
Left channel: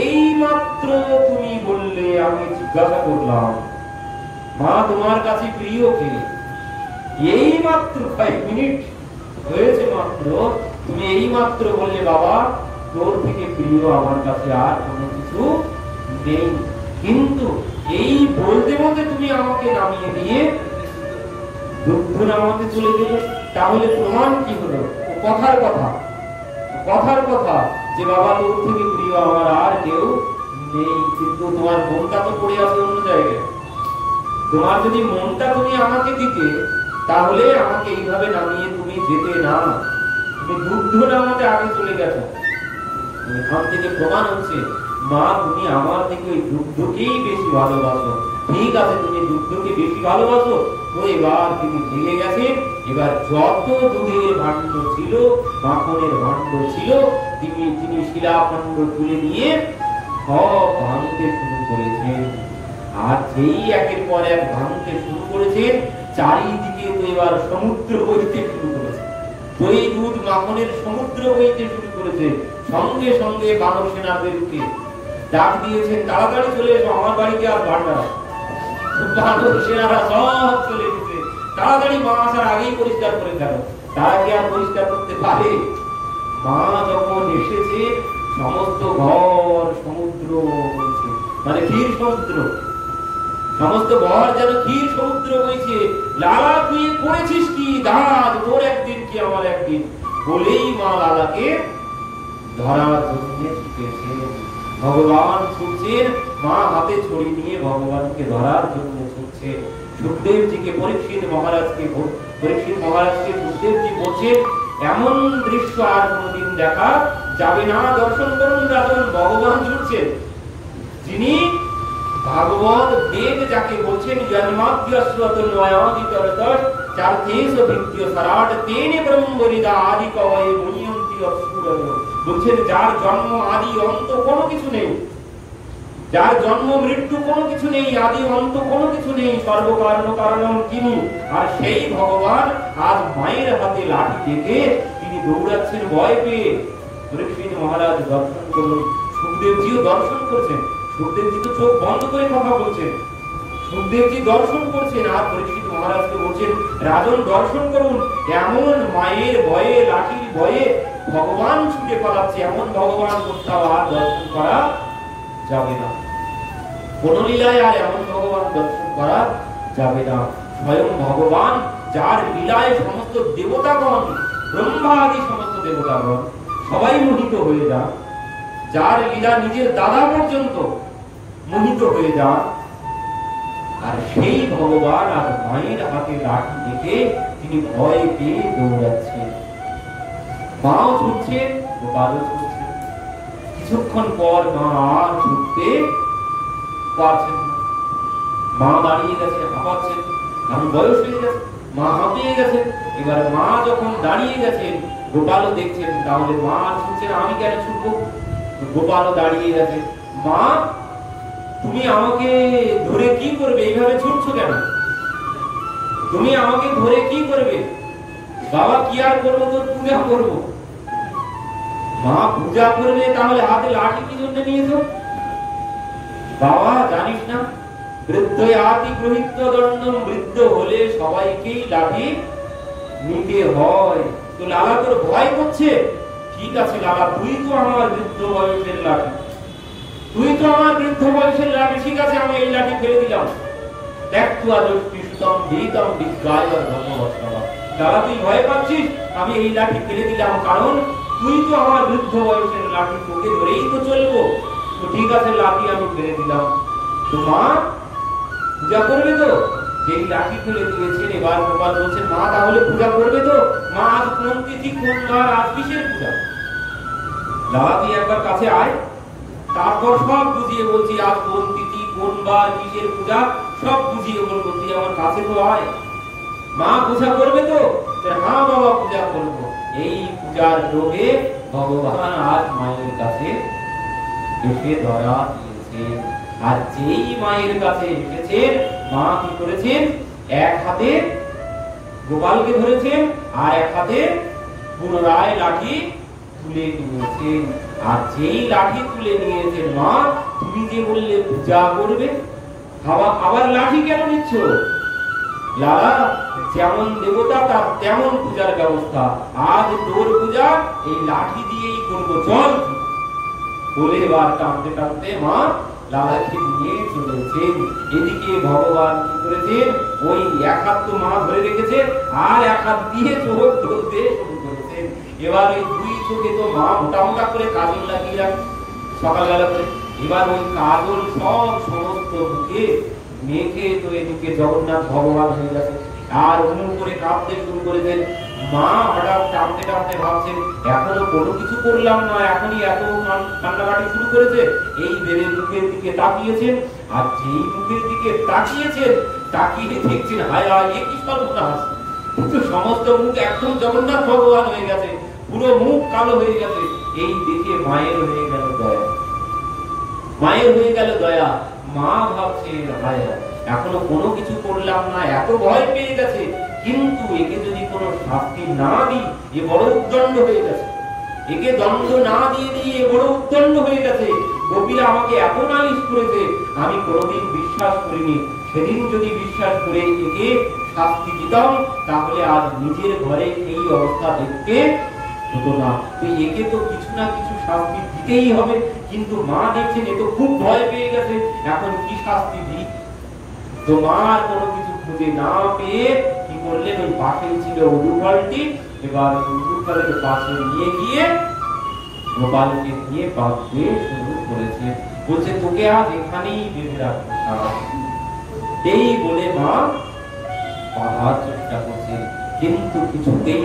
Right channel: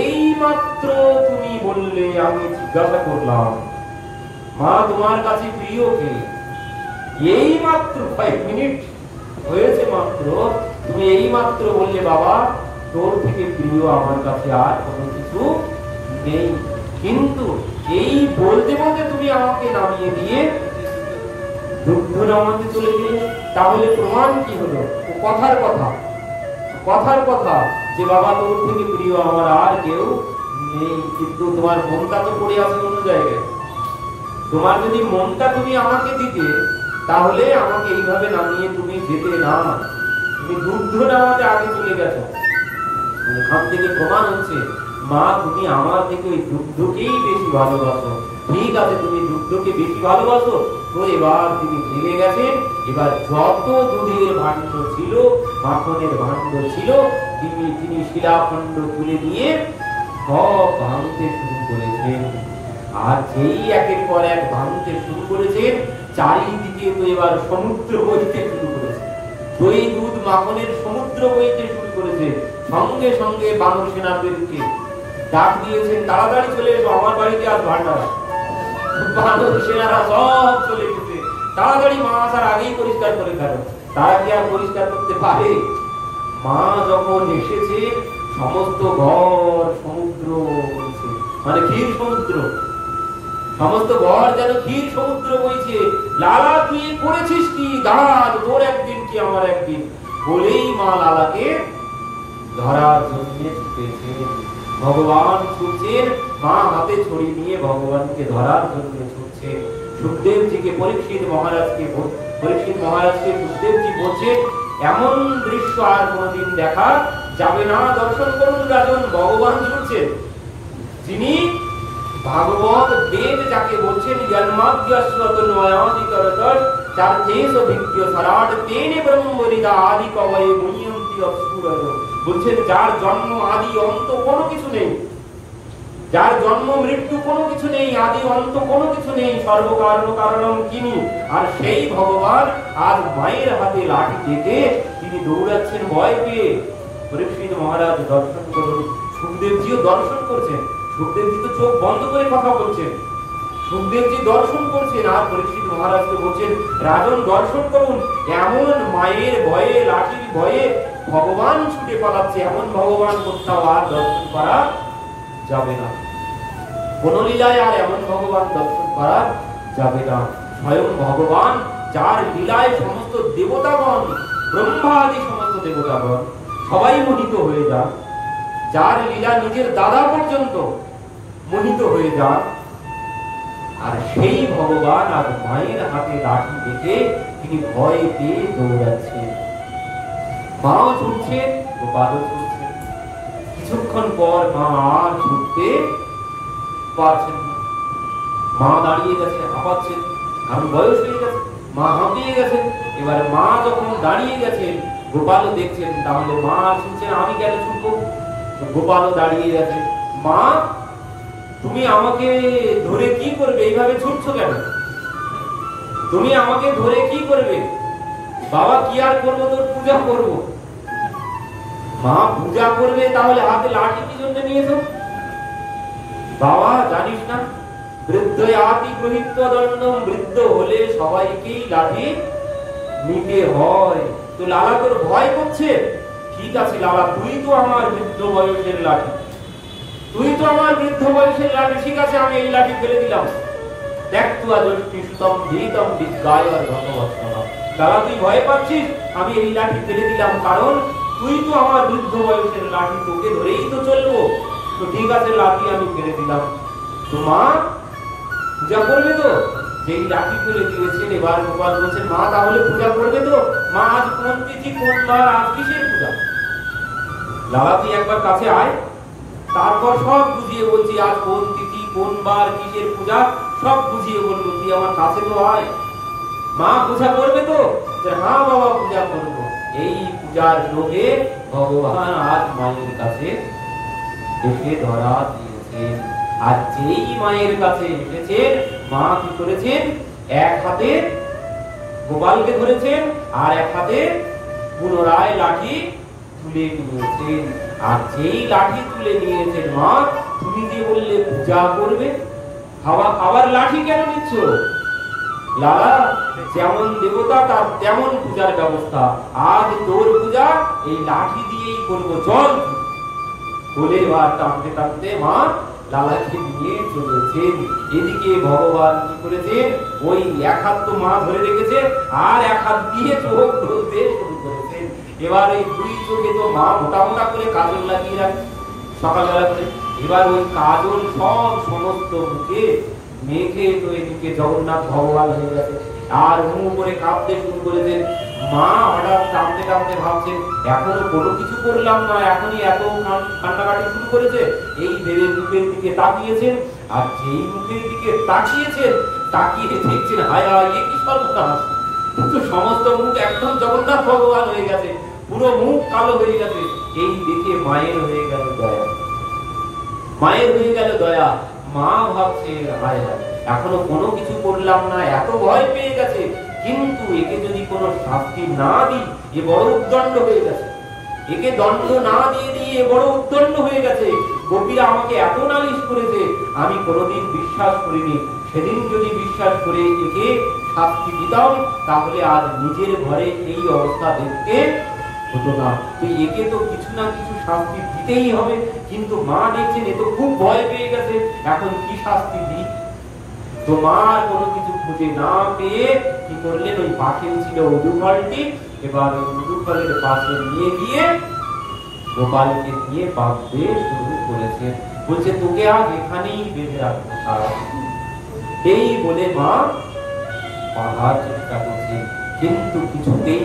এই মাত্র তুমি বললে, আমি জিজ্ঞাসা করলাম মা তোমার কাছে প্রিয় কে, এই মাত্র 5 মিনিট হয়েছে মাত্র, তুমি এই মাত্র বললে বাবা তোর থেকে প্রিয় আমার কাছে আর কোনো কিছু নেই, কিন্তু এই বলতে বলতে তুমি আমাকে নামিয়ে দিয়ে দুগ্ধ নামাতে চলে গেলে, তাহলে প্রমাণ কি হলো? কথার কথা, কথার কথা যে বাবা তোর থেকে প্রিয় আমার আর কেউ নেই, কিন্তু তোমার মনটা তো পড়ে আছে অন্য জায়গায়। তোমার যদি মনটা তুমি আমাকে দিতে, তাহলে আমাকে এইভাবে নামিয়ে তুমি যেতে না, তুমি দুগ্ধ নামাতে আগে চলে গেছো। এখান থেকে প্রমাণ হচ্ছে মা তুমি আমার থেকে ওই দুগ্ধকেই বেশি ভালোবাসো। ঠিক আছে, তুমি দুগ্ধকে বেশি ভালোবাসো, তো এবার তিনি ভেঙে গেছেন। এবার যত দুধের ভাণ্ড ছিল, মাখনের ভাণ্ড ছিল, তিনি শিলাখণ্ড তুলে নিয়ে সব ভাঙতে শুরু করেছেন। আর যেই একের পর এক ভাঙতে শুরু করেছেন, চারিদিকে তো এবার সমুদ্র বইতে শুরু করেছে, দই দুধ মাখনের সমুদ্র বইতে শুরু করেছে। সঙ্গে সঙ্গে বানর সেনাদেরকে ডাক দিয়েছেন, তাড়াতাড়ি চলে এসো, আমার বাড়িতে আজ ভান্ডার আছে। বানর সেনারা সব চলে এসেছে, তাড়াতাড়ি মা আসার আগেই পরিষ্কার করে গেল। তারা কি আর পরিষ্কার করতে পারে? মা যখন এসেছে, সমস্ত ঘর সমুদ্র বইছে, মানে ক্ষীর সমুদ্র, সমস্ত ঘর যেন ক্ষীর সমুদ্র বইছে। লালা তুই করেছিস কি? দাঁত তোর একদিন কি আমার একদিন, বলেই মা লালাকে ধরার জন্য ছুটেছেন। ভগবান ছুটছেন, মা হাতে ছড়ি নিয়ে ভগবানকে ধরার জন্য ছুটছেন। সুখদেবজিকে পরীক্ষিত মহারাজকে সুখদেবজি বলছেন, এমন দৃশ্য আর কোনদিন দেখা যাবে না, দর্শন করুন রাজন, ভগবান ছুটছেন। যিনি ভাগবত বেদ যাকে বলছেন, জন্মাদ্যস্বত নয়াদিতরতর চার্থেস ভিত্য সরাট তেনে ব্রহ্মরিদা আদি কবয়ে মুনিয়ন্তি অসুরয়। বলছেন যার জন্ম আদি অন্ত কোনো কিছু নেই, যার জন্ম মৃত্যু কোনো কিছু নেই, আদি অন্ত কোনো কিছু নেই, সর্বকারণ কারণম তিনি। আর সেই ভগবান আজ মায়ের হাতে লাঠি থেকে তিনি দৌড়াচ্ছেন ভয় পেয়ে। পরীক্ষিত মহারাজ দর্শন করুন, সুখদেবজিও দর্শন করছেন। সুখদেবজি তো চোখ বন্ধ করে কথা বলছেন, সুখদেবজি দর্শন করছেন, আর পরীক্ষিত মহারাজকে বলছেন, রাজন দর্শন করুন, এমন মায়ের ভয়ে, লাঠির ভয়ে ভগবান ছুটে পালাচ্ছে, এমন ভগবান কোথাও আর দর্শন করা যাবে না। কোন লীলায় আর এমন ভগবান দর্শন করা যাবে না। স্বয়ং ভগবান, যার লীলায় সমস্ত দেবতাগণ, ব্রহ্মা আদি সমস্ত দেবতাগণ সবাই মোহিত হয়ে যান, যার লীলা নিজের দাদা পর্যন্ত মোহিত হয়ে যান, আর সেই ভগবান আর মায়ের হাতে লাঠি দেখে তিনি ভয় পেয়ে দৌড়াচ্ছেন। মাও ছুটছেন, গোপালও ছুটছেন। কিছুক্ষণ পর মা আর ছুটতে পারছেন না, মা দাঁড়িয়ে গেছেন, হাঁপাচ্ছেন, কারণ বয়স হয়ে গেছে, মা হাঁপিয়ে গেছেন। এবার মা যখন দাঁড়িয়ে গেছেন, গোপালও দেখছেন, তাহলে মা ছুটছেন, আমি কেন ছুটবো? গোপালও দাঁড়িয়ে গেছে। মা তুমি আমাকে ধরে কি করবে, এইভাবে ছুটছো কেন? তুমি আমাকে ধরে কি করবে? বাবা কি আর করবো, তোর পূজা করবো। মা পূজা করবে, তাহলে হাতে লাঠি কি জন্য নিয়েছো? বাবা জানিস না, বৃদ্ধ আতি গ্রহিত দণ্ডম, বৃদ্ধ হলে সবাইকেই লাঠি নিতে হয়। তো লালা তোর ভয় করছে? ঠিক আছে লালা, তুই তো আমার বৃদ্ধ বয়সের লাঠি, তুই তো আমার বৃদ্ধ বয়সের লাঠি, ঠিক আছে আমি এই লাঠি ফেলে দিলাম। দেখ তুই আদর্শটি সুতম দিতম বিজ্ঞায় আর ভগবৎ। লালা তুই ভয় পাচ্ছিস, আমি এই লাঠি ফেলে দিলাম, কারণ তুই তো আমার বৃদ্ধ বয়সের লাঠি, তোকে ধরেই তো চলবো। তো ঠিক আছে লাঠি আমি ফেলে দিলাম। তো মা পূজা করবে তো? সেই লাঠি ফেলে দিয়েছেন। এবার গোপাল বলছেন, মা তাহলে পূজা করবে তো? মা আজ কোন তিথি, কোন বার, আজ কিসের পূজা? লালা তুই একবার কাছে আয়, তারপর সব বুঝিয়ে বলছি, আজ কোন তিথি, কোন বার, কিসের পূজা, সব বুঝিয়ে বলবো, তুই আমার কাছে তো আয়। মা পূজা করবে তো? হ্যাঁ বাবা পূজা করবো। এই পূজার লোভে ভগবান আজ মায়ের কাছে এসে ধরা দিয়েছেন। আর যেই মায়ের কাছে এসেছেন, মা কি করেছেন? এক হাতে গোপালকে ধরেছেন, আর এক হাতে পুনরায় লাঠি তুলে নিয়েছেন। আর যেই লাঠি তুলে নিয়েছেন, মা তুমি যে বললে পূজা করবে, আবার লাঠি কেন নিচ্ছ? লালা যেমন দেবতা তার তেমন পূজার ব্যবস্থা, আজ তোর পূজা এই লাঠি দিয়েই করবো, চল। বলে এবার টানতে টানতে মা লালাকে নিয়ে চলেছেন। এদিকে ভগবান কি করেছেন? ওই এক হাত তো মা ধরে রেখেছে, আর এক হাত দিয়ে চোখ ধরতে শুরু করেছেন। এবার ওই দুই চোখে তো মা মোটা মোটা করে কাজল লাগিয়ে রাখে সকালবেলা করে। এবার ওই কাজল সব সমস্ত মুখে মেখে তো এদিকে জগন্নাথ ভগবান হয়ে গেছে, আর উমু করে কাঁপতে শুরু করেছেন। মা হঠাৎ টানতে টানতে ভাবছেন, এখনো কোনো কিছু করলাম না, এখনই এত কান্নাকাটি শুরু করেছে। এই ভেবে মুখের দিকে তাকিয়েছেন, আর যেই মুখের দিকে তাকিয়েছেন, তাকিয়ে দেখছেন হায় হায় এ কি সর্বনাশ, কিন্তু সমস্ত মুখ একদম জগন্নাথ ভগবান হয়ে গেছে, পুরো মুখ কালো হয়ে গেছে। এই দেখে মায়ের হয়ে গেল দয়া, মায়ের হয়ে গেল দয়া। মা ভাবছে হায় হায় এখনো কোনো কিছু করলাম না, এত ভয় পেয়ে গেছে, কিন্তু একে যদি কোনো শাস্তি না দিই এ বড় উদ্দণ্ড হয়ে গেছে, একে দণ্ড না দিয়ে দিই এ বড় উদ্দণ্ড হয়ে গেছে। গোপীরা আমাকে এত নালিশ করেছে, আমি কোনোদিন বিশ্বাস করিনি। সেদিন যদি বিশ্বাস করে একে শাস্তি দিতাম, তাহলে আজ নিজের ঘরে এই অবস্থা দেখতে হতো না। তো একে তো কিছু না কিছু শাস্তি দিতেই হবে। কিন্তু মা দেখছেন এ তো খুব ভয় পেয়ে গেছে, এখন কি শাস্তি দিই? তোমার কোনো কিছু খুঁজে না পেয়ে কি করলেন, ওই পাশে ছিল উদুফলটি, এবার উদুফলের পাশে নিয়ে গিয়ে গোপালকে দিয়ে বাঁধতে শুরু করেছে। বলছে তোকে আজ এখানেই বেঁধে রাখবো সারা। এই বলে মা বাঁধার চেষ্টা করছে, কিন্তু কিছুতেই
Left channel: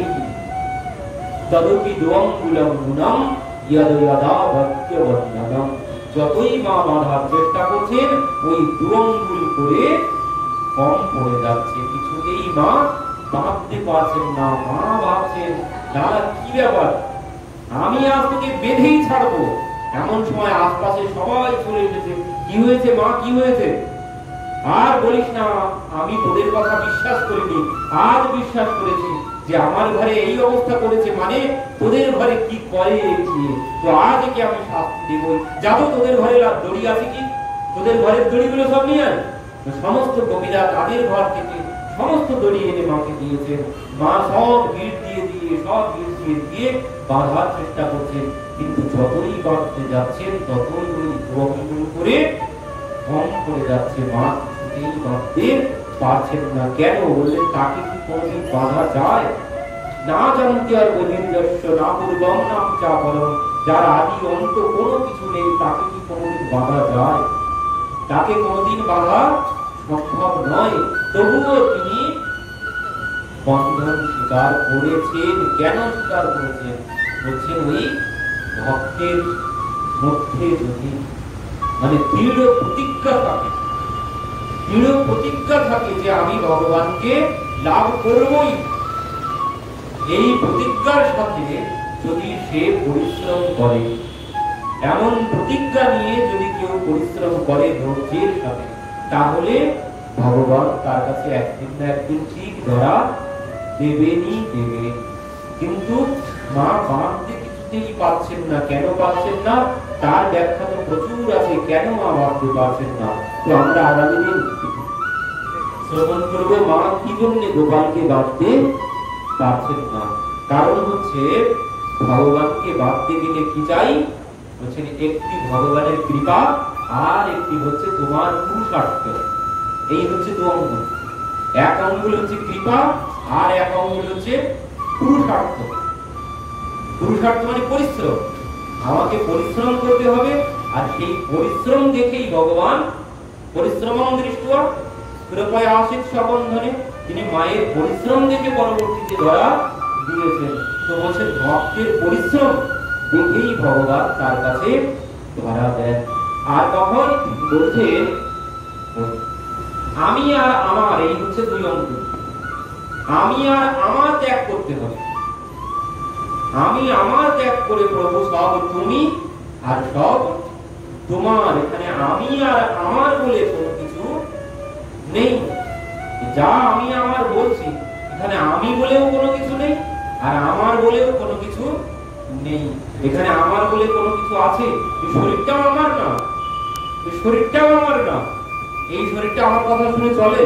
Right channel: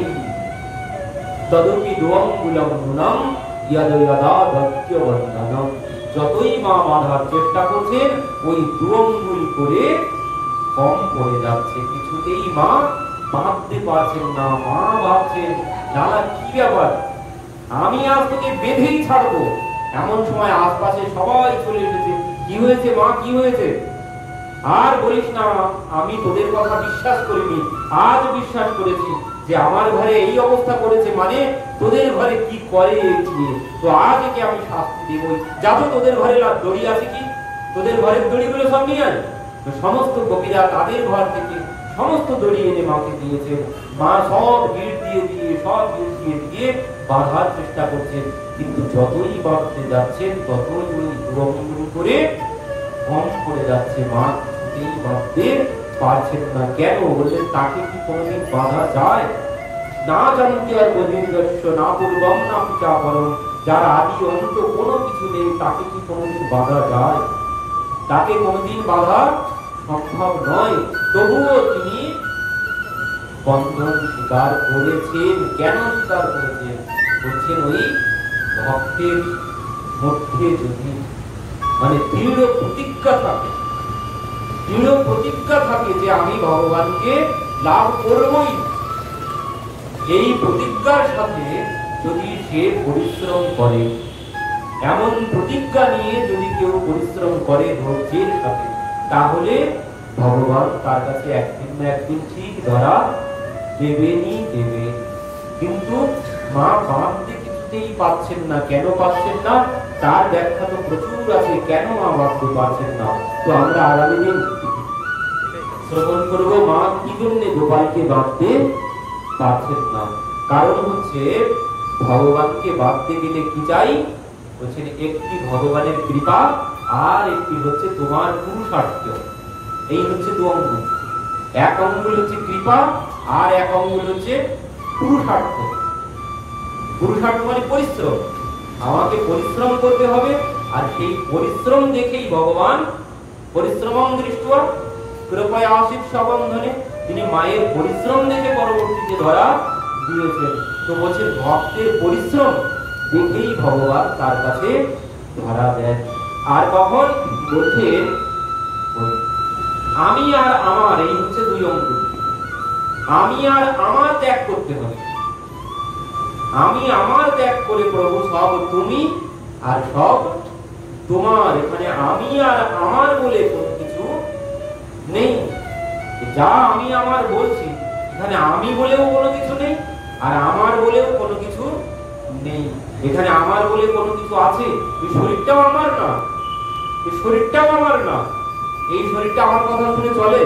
তদপি দোয়াঙ্গুলম গুণম ইয়াদা ইয়াদা ভক্ত্যবদনম। যতই মা বাঁধার চেষ্টা করছেন, ওই দুঅঙ্গুল করে কম পড়ে যাচ্ছে, কিছুতেই মা বাঁধতে পারছেন না। মা ভাবছেন দাদা কি ব্যাপার, আমি আজ তোকে বেঁধেই ছাড়বো। এমন সময় আশপাশে সবাই চলে এসেছে। কি হয়েছে মা, কি হয়েছে? আর বলিস না, আমি তোদের কথা বিশ্বাস করিনি, আজ বিশ্বাস করেছি যে আমার ঘরে এই অবস্থা করেছে, মানে তোদের ঘরে কি করেছি, তো আজ একে আমি শাস্তি দেবই। যা তো তোদের ঘরে দড়ি আছে কি, তোদের ঘরের দড়িগুলো সব নিয়ে আয়। সমস্ত গোপীরা তাদের ঘর থেকে সমস্ত দড়ি এনে মাকে দিয়েছেন। মা সব গিট দিয়ে দিয়ে সব গিট দিয়ে দিয়ে বাঁধার চেষ্টা করছেন, কিন্তু যতই বাঁধতে যাচ্ছেন ততই ওই দুঅঙ্গুল করে কম করে যাচ্ছে। মা কিছুতেই বাঁধতে পারছেন না। কেন বললেন, তাকে কি কোনোদিন বাঁধা যায়? না জানতে আর বধির্যস্য না পূর্বম না চাপরম, যার আদি অন্ত কোনো কিছু নেই, তাকে কি কোনোদিন বাঁধা যায়? তাকে কোনোদিন বাঁধা সম্ভব নয়। তবুও তিনি বন্ধন স্বীকার করেছেন। কেন স্বীকার করেছেন? বলছেন ওই ভক্তের মধ্যে যদি মানে দৃঢ় প্রতিজ্ঞা থাকে, দৃঢ় প্রতিজ্ঞা থাকে যে আমি ভগবানকে লাভ করবই, এই প্রতিজ্ঞার সাথে যদি সে পরিশ্রম করে, এমন প্রতিজ্ঞা নিয়ে যদি কেউ পরিশ্রম করে ধৈর্যের সাথে, তাহলে ভগবান তার কাছে একদিন না একদিন ঠিক ধরা দেবেনই দেবে। কিন্তু মা বাঁধতে কিছুতেই পাচ্ছেন না। কেন পাচ্ছেন না তার ব্যাখ্যা তো প্রচুর আছে, কেন মা বাঁধতে পারছেন না। তো আমরা আগামী দিন শ্রবণ করব মা কি জন্য গোপালকে বাঁধতে পারছেন না। কারণ হচ্ছে ভগবানকে বাঁধতে গেলে কি চাই বলছেন, একটি ভগবানের কৃপা আর একটি হচ্ছে তোমার পুরুষার্থ। এই হচ্ছে দু অঙ্গুল। এক অঙ্গুল হচ্ছে কৃপা আর এক অঙ্গুল হচ্ছে পুরুষার্থ। পুরুষার্থ মানে পরিশ্রম। আমাকে পরিশ্রম করতে হবে, আর সেই পরিশ্রম দেখেই ভগবান পরিশ্রমং দৃষ্টা কৃপয়া আশিত সবন্ধনে, তিনি মায়ের পরিশ্রম দেখে পরবর্তীতে ধরা দিয়েছেন। তো বলছেন ভক্তের পরিশ্রম দেখেই ভগবান তার কাছে ধরা দেন। আর কখন বলছেন আমি আর আমার, এই হচ্ছে দুই অঙ্গ। আমি আর আমার ত্যাগ করতে হবে। আমি আমার ত্যাগ করে প্রভু সব তুমি আর সব তোমার। এখানে আমি আর আমার বলে কোনো কিছু নেই। যা আমি আমার বলছি এখানে আমি বলেও কোনো কিছু নেই, আর আমার বলেও কোনো কিছু নেই। এখানে আমার বলে কোনো কিছু আছে? এই শরীরটাও আমার না, এই শরীরটাও আমার না। এই শরীরটা আমার কথা শুনে চলে?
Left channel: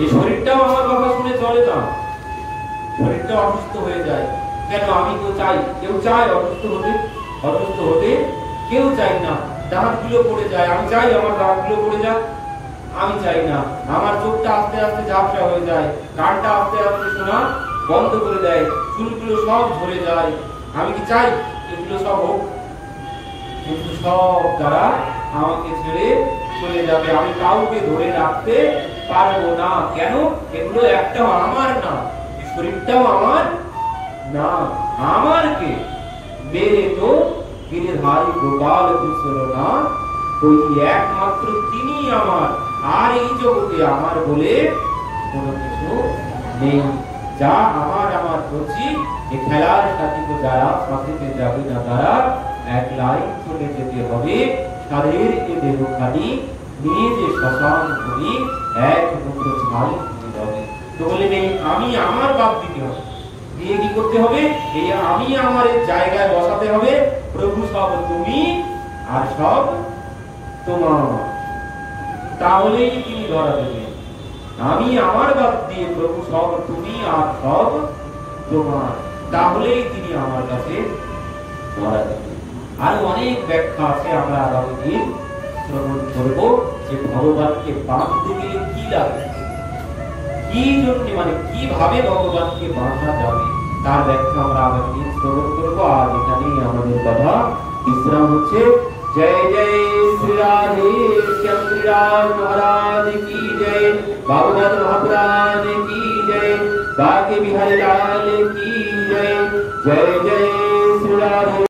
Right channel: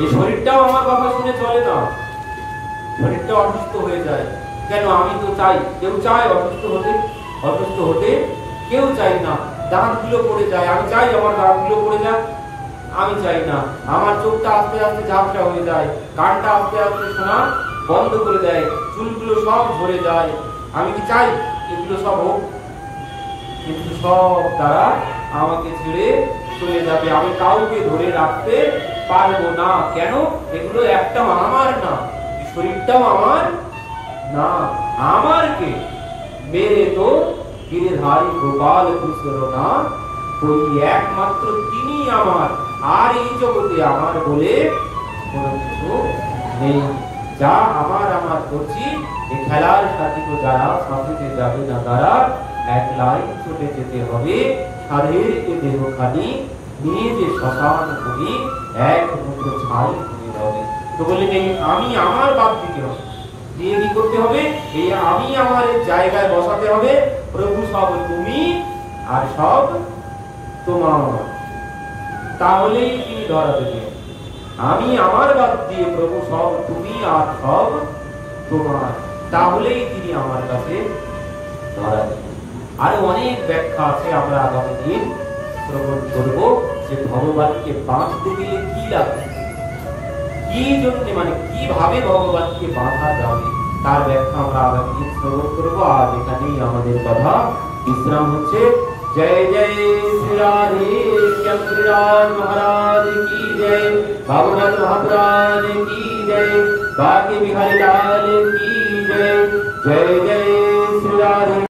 এই শরীরটাও আমার কথা শুনে চলে না। শরীরটা অসুস্থ হয়ে যায় কেন? আমি তো চাই, কেউ চায় অসুস্থ হতে? অসুস্থ হতে কেউ চাই না। দাঁতগুলো পড়ে যায়, আমি চাই আমার দাঁতগুলো পড়ে যাক? আমি চাই না। আমার চোখটা আস্তে আস্তে ঝাপসা হয়ে যায়, কানটা আস্তে আস্তে শোনা বন্ধ করে দেয়, চুলগুলো সব ঝরে যায়। আমি কি চাই এগুলো সব হোক? কিন্তু সব তারা আমাকে ছেড়ে চলে যাবে। আমি কাউকে ধরে রাখতে পারবো না। কেন? এগুলো একটাও আমার না, শরীরটাও আমার না। আমার কে? মেরে তো গিরিধারী গোপাল কুশল না, ওই একমাত্র তিনি আমার। আর এই জগতে আমার বলে কোনো কিছু নেই। যা আমার আমার করছি, এই খেলার সাথে যারা সাথে যাবে না তারা একলাই চলে যেতে হবে। সাধের এ দেহ খালি নিয়ে যে শ্মশান করি, এক মুদ্র ছাই হতে হবে। তো বললেন এই আমি আমার বাদ দিতে হবে, দিয়ে কি করতে হবে? এই আমি আমার জায়গায় বসাতে হবে। প্রভু সব তুমি আর সব তোমার, তাহলেই তিনি ধরা দেবেন। আমি আমার বাদ দিয়ে প্রভু সব তুমি আর সব তোমার, তাহলেই তিনি আমার কাছে ধরা দেবেন। আরো অনেক ব্যাখ্যা আছে, আমরা আগামী দিন শ্রবণ করব যে ভগবানকে বাঁধতে গেলে কি লাগে, কি জন্য, মানে কিভাবে ভগবানকে বাঁধা যাবে, তার ব্যাখ্যা আমরা আগামী দিন শ্রবণ করবো। আজ এখানেই আমাদের কথা বিশ্রাম হচ্ছে। जय जय श्री राधे श्याम महाराज की जय, भगवत महापुराण की जय, बाकी बिहारी लाल की जय। जय जय श्री राधे।